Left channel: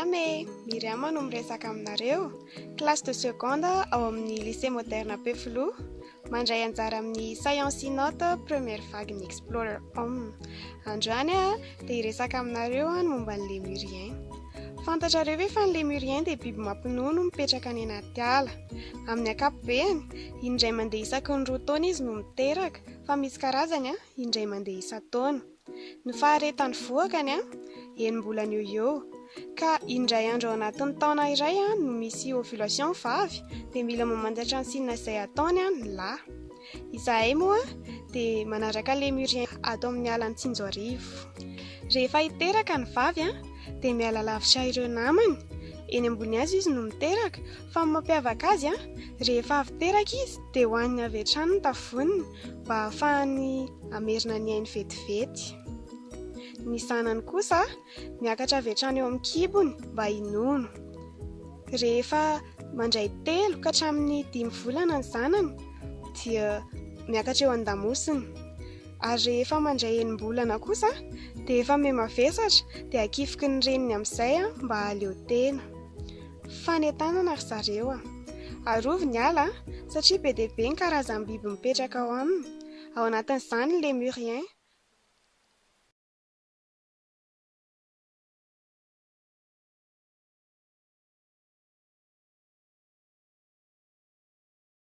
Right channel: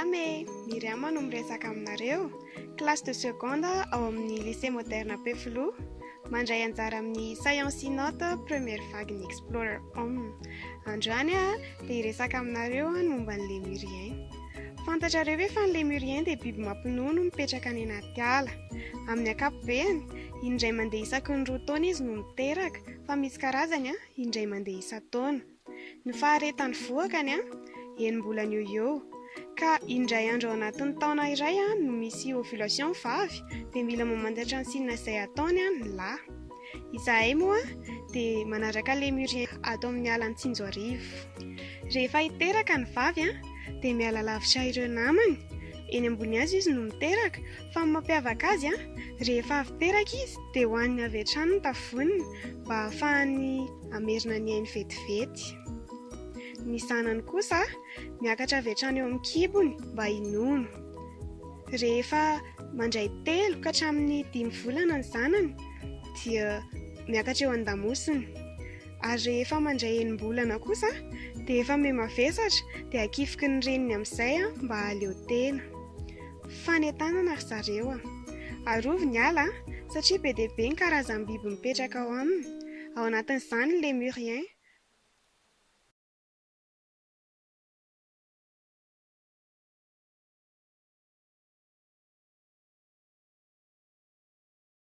Salame, Miriam no miresaka aminareo. Classe de seconde ao amin'ny lycée moderne Peflo, mandray anjara amin'ny science note première vague ny Explorer Homme. Androany dia hiresaka aminareo ny momba ny lémurien. Fantatrareo ve fa ny lémurien dia biby mampinono mipetraka any anaty ala. Amin'ny ankapobeny, indray mandeha isaky ny 2 taona izy no miteraka, fa misy karazany indray mandeha isa-taona. Ny faharetany voakany enim-bolana eo ka indray andro ao anatin'ny taona iray no misy ovulation vavy dia mila mamantatra ny sinina izay ataony ny lahy. Izahay moa dia manaraka lémurien ato amin'ny alan'ny Tsinjoarivo. Rehefa hiteraka ny vavy dia miala lavitra ireo namany. Eny ambony hazo izy no miteraka, fa ny mampiavaka azy rehefa avy teraka izy dia hoaniny avy hatrany ny tavoniny mba ahafahany amerina ny ainy vetivety. Ny zanany kosa miakatra avy hatrany eo amin'ny kibony mba hinono. Rehefa mandray 3 ka hatramin'ny 5 volana ny zanany dia miakatra eo an-damosiny. Ary rehefa mandray 8 bolana kosa dia efa miham-mavesatra dia akifiky ny reniny amin'izay mba haleo tena. Fanentanana ry zareo. Arovy ny ala satria be dia be ny karazam-biby mipetraka ao aminy. Ao anatin'izany ny lémurien.